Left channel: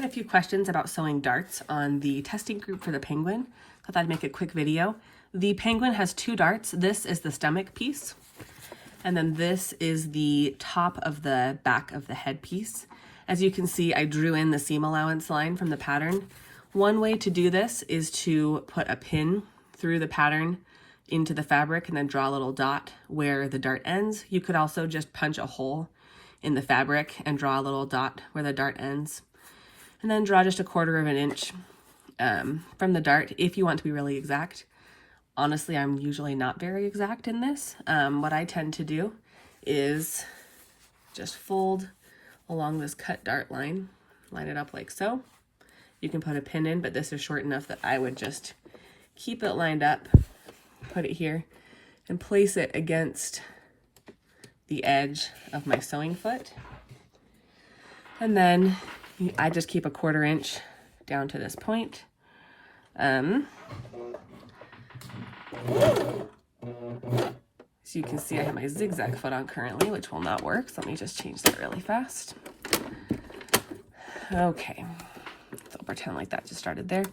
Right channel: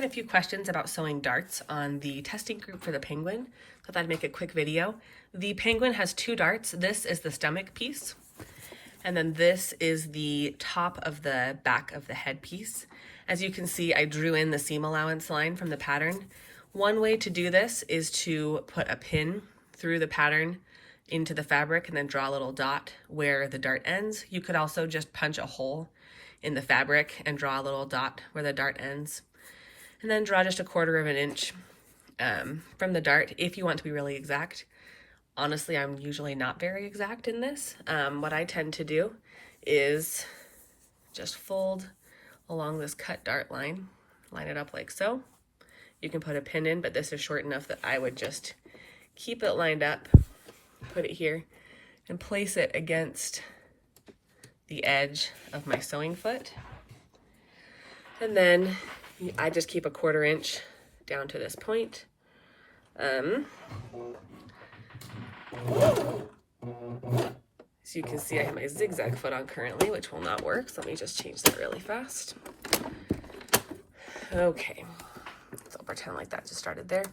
had a few questions about sewing darts on the testing group for the penguin. Thought I'd make a quick video. The penguin has 2 darts. This is the stomach piece, and then this is the top of the back of the head piece. As you can see, I drew in the seam allowance line from the pattern. One way to do this is to put a pin through the pattern into the fabric and then draw a little dot where the dart ends. You could also just punch a hole in the fabric and draw a little dot where the dart ends. And then draw just 1/4 of an inch from the dart if you want to be really exact. Honestly, I'm usually not very exact in this. What I tend to do is just fold along this cut dart line, line it up like so. You can put a pin in, but this is short enough that I would just keep it lined up, put it here, and place it against the edge of my sewing foot. And then I just keep 1/4 inch down to this point. So you can see I have my zigzag foot on currently, which will not work. So let me just change that really fast. Okay, so I'll pretend like that just started there.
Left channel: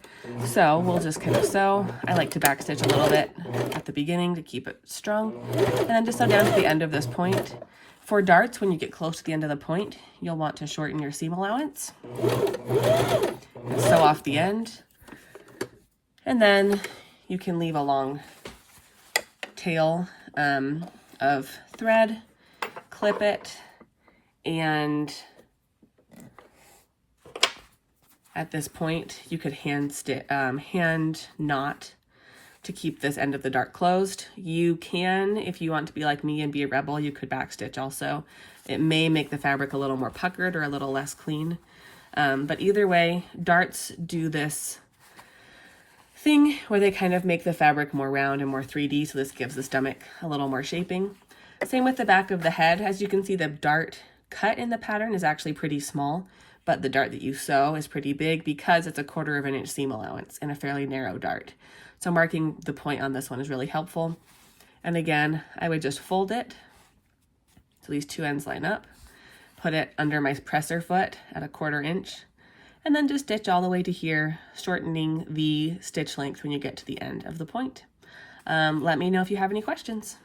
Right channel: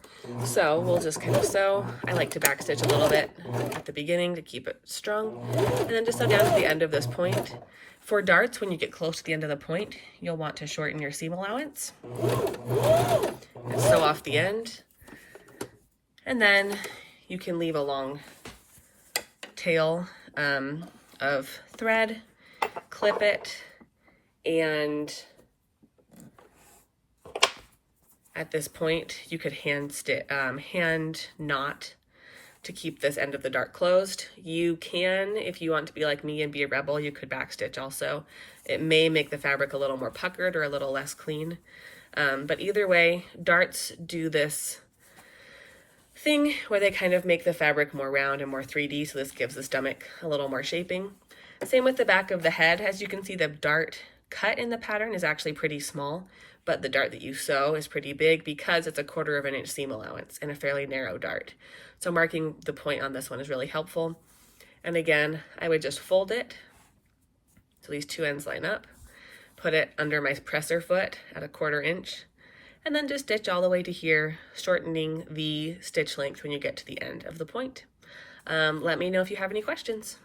So we'll just kind of sew. I like to backstitch a little bit at the beginning to keep it strong. And then just sew down to the end of this point. For darts, when you get close to the end of the point, you'll want to shorten your seam allowance. And sew off the end. And then you can leave a long tail of thread, clip it, and at this point you could hand knot to keep this end of the dart closed. You can, if you want to be like me and be a rebel, you could backstitch also. It may make the fabric a little more puckered or a little less clean. But either way, darts do this thing where they kind of make the fabric more round and more 3D, so this gives the stomach a little more shaping. Same with the back of the head. As you can see, the dart cut in the pattern is actually pretty small, but the dart that you sew is pretty big because it's 1/4 of an inch seam allowance and a fairly narrow dart. So marking the point on this one is really helpful. And again, I would just fold it so these 2 ends line up, put it under my presser foot at 1/4 inch, and then just stitch all the way to here, shortening the stitch length when you get to the end of the point. Let me know if you have any questions.